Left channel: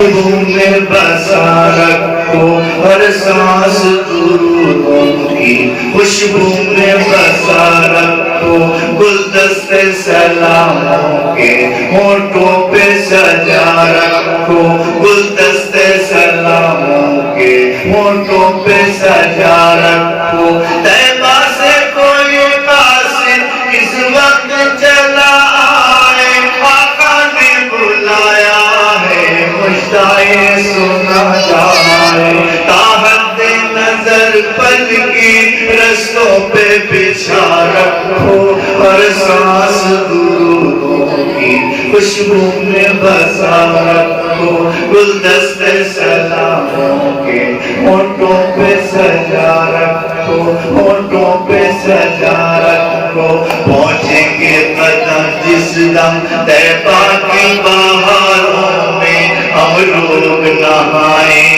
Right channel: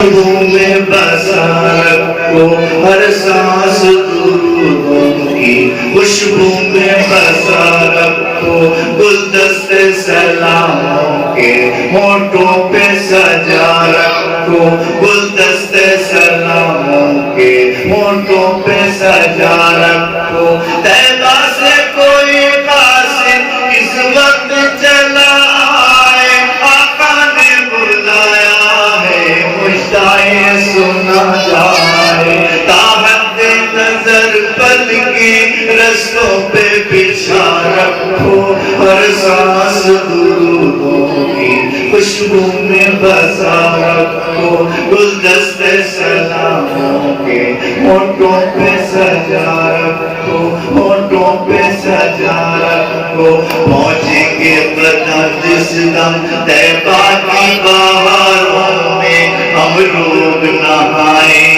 میں بسا رکھو ہر سانس درودوں کی خوشبو میں بسا رکھو گلدستے سلاموں کے ہونٹوں پہ سجا رکھو گلدستے سلاموں کے ہونٹوں پہ سجا رکھو طیبہ سے کوئی قاصد اس وقت چلا آئے آقا نے بلایا ہے مشتاق سنا جائے تاحد نظر پل کے رستوں پہ بچھا رکھو ہر سانس درودوں کی خوشبو میں بسا رکھو گلدستے سلاموں کے ہونٹوں پہ سجا رکھو ہونٹوں پہ سجا رکھو پہنچیں گے قدم جس دم طیبہ کی بہاروں میں ہم لوگ نہائیں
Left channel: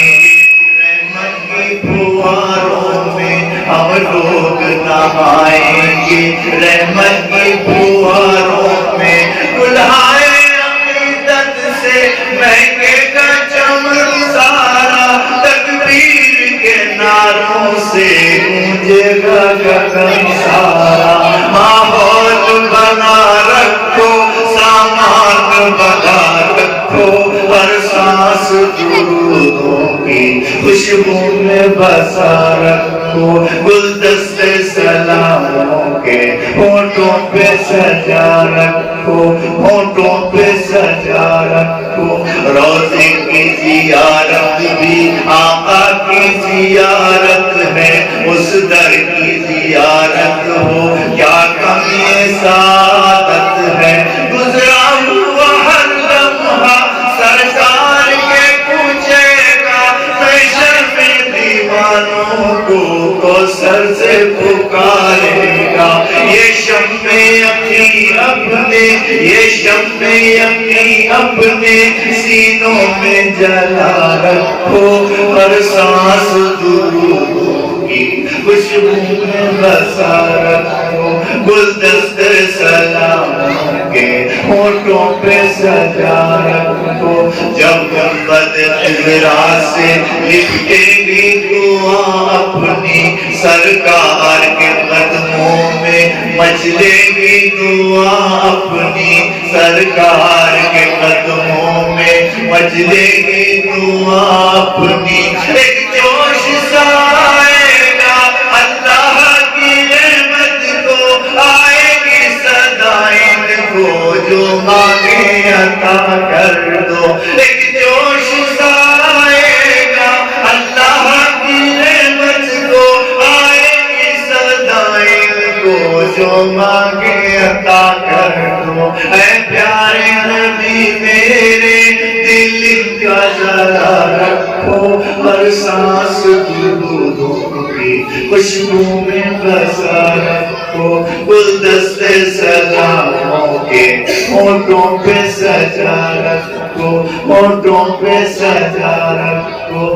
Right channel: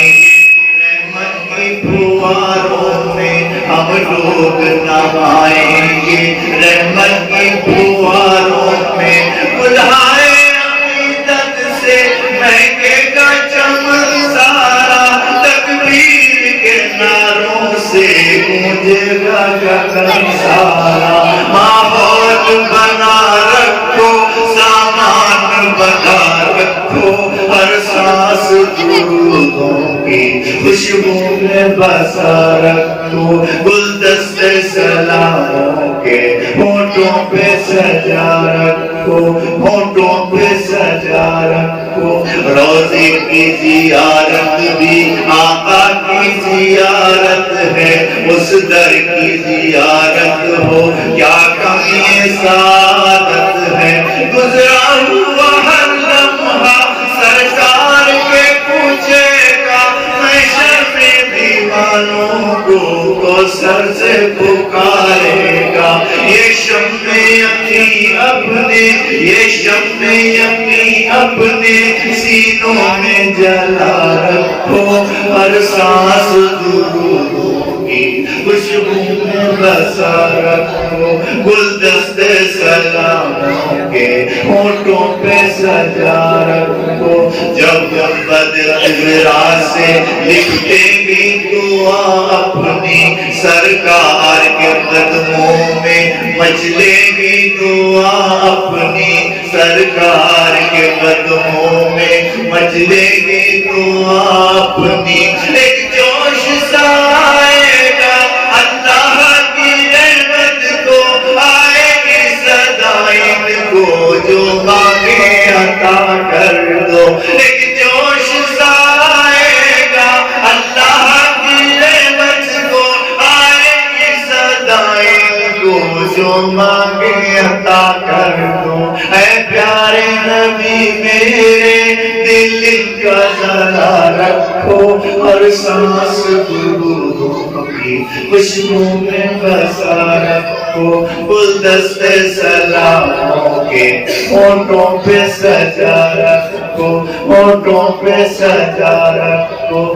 رحمت کی پھواروں میں ہم لوگ نہائیں گے رحمت کی پھواروں میں بلائے عقیدت سے مہکے گا چمن سارا تکبیر کے نعروں سے گونجے گا گگن سارا ماحول بنا رکھو سامان بنا رکھو ہر سانس درودوں کی خوشبو میں بسا رکھو گلدستے سلاموں کے ہونٹوں پہ سجا رکھو ہونٹوں پہ سجا رکھو روزے کی زیارت بھی آقا کی زیارت ہے اس در کی زیارت ہو کیا کمی سعادت ہے گزرا ہوا ہر لمحہ سرکار کے پوچھے گا محشر میں دیوانوں کو سر سے پکارے گا یہ شمع یقین اپنے یہ شمع یقین اپنے سینوں میں جلا رکھو ہر سانس درودوں کی خوشبو میں بسا رکھو گلدستے سلاموں کے ہونٹوں پہ سجا رکھو جب گنبد خضرا سے لپٹیں گی دعا اپنی سرکار کے قدموں میں مچلے گی دعا اپنی سرکار کے قدموں میں مچلے گی دعا اپنی ایک جوش سا آئے گا اللہ کی نعمت کو آئے گی صدائیں کو جو مانگے عطا کر دو ایک جوش سا آئے گا اللہ کی نعمت کو آئے گی صدائیں کو جو مانگے عطا کر دو اے پیارے نبی میرے دل کا جلا رکھو ہر سانس درودوں کی خوشبو میں بسا رکھو گلدستے سلاموں کے ہونٹوں پہ سجا رکھو ہونٹوں پہ سجا رکھو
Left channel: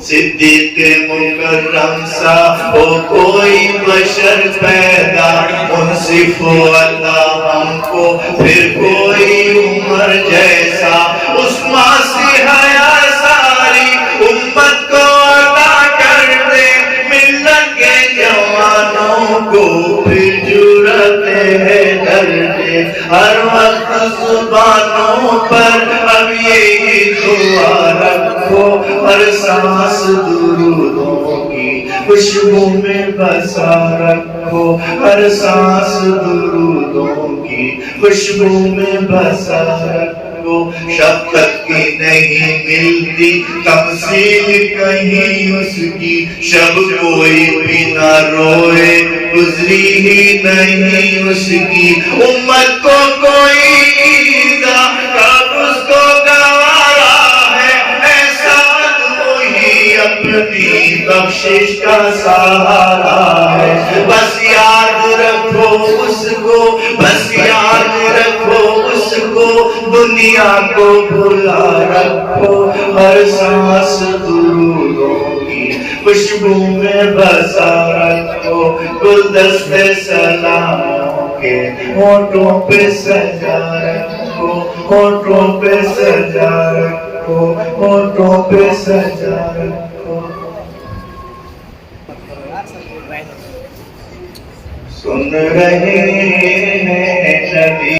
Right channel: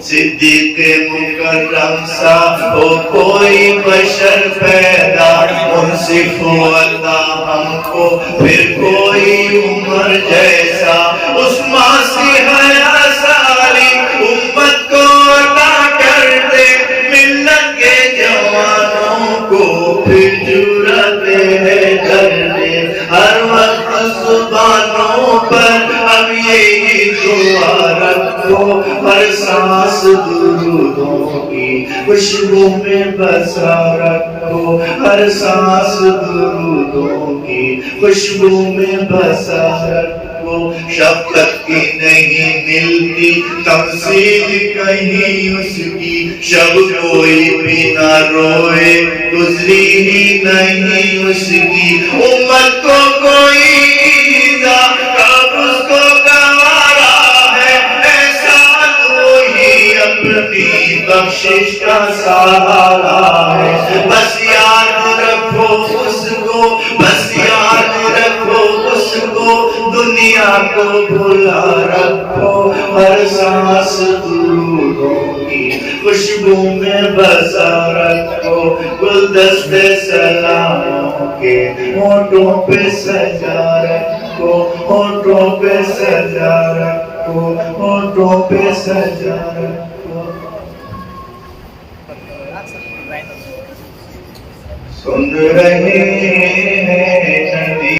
صدیق مکرم سا ہو کوئی بشر پیدا منصف ہو اللہ ہم کو پھر کوئی عمر جیسا اس ماسی حیا ساری امت کو عطا کر دے ملت کے جوانوں کو پھر جرأت ہے ڈر دے ہر وقت زبانوں پر اب یہی دعا رکھو ہر سانس درودوں کی خوشبو میں بسا رکھو ہر سانس درودوں کی خوشبو میں بسا رکھو شفقت کی نہیں ملتی تمثیل کہیں اس کی شب کوئی بھی نہ روئے گزری ہی نہیں اس کی امت کو کوئی ایزا کب اس کو گوارا ہے ایسا وہی اپنی بخشش کا سہارا ہے بس یاد رکھو اس کو بس یاد رکھو اس کو دنیا کو بھلا رکھو ہر سانس درودوں کی خوشبو میں بسا رکھو گلدستے سلاموں کے ہونٹوں پہ سجا رکھو ہونٹوں پہ سجا رکھو رکھو ہونٹوں پہ سجا رکھو سن رہے ہیں نبی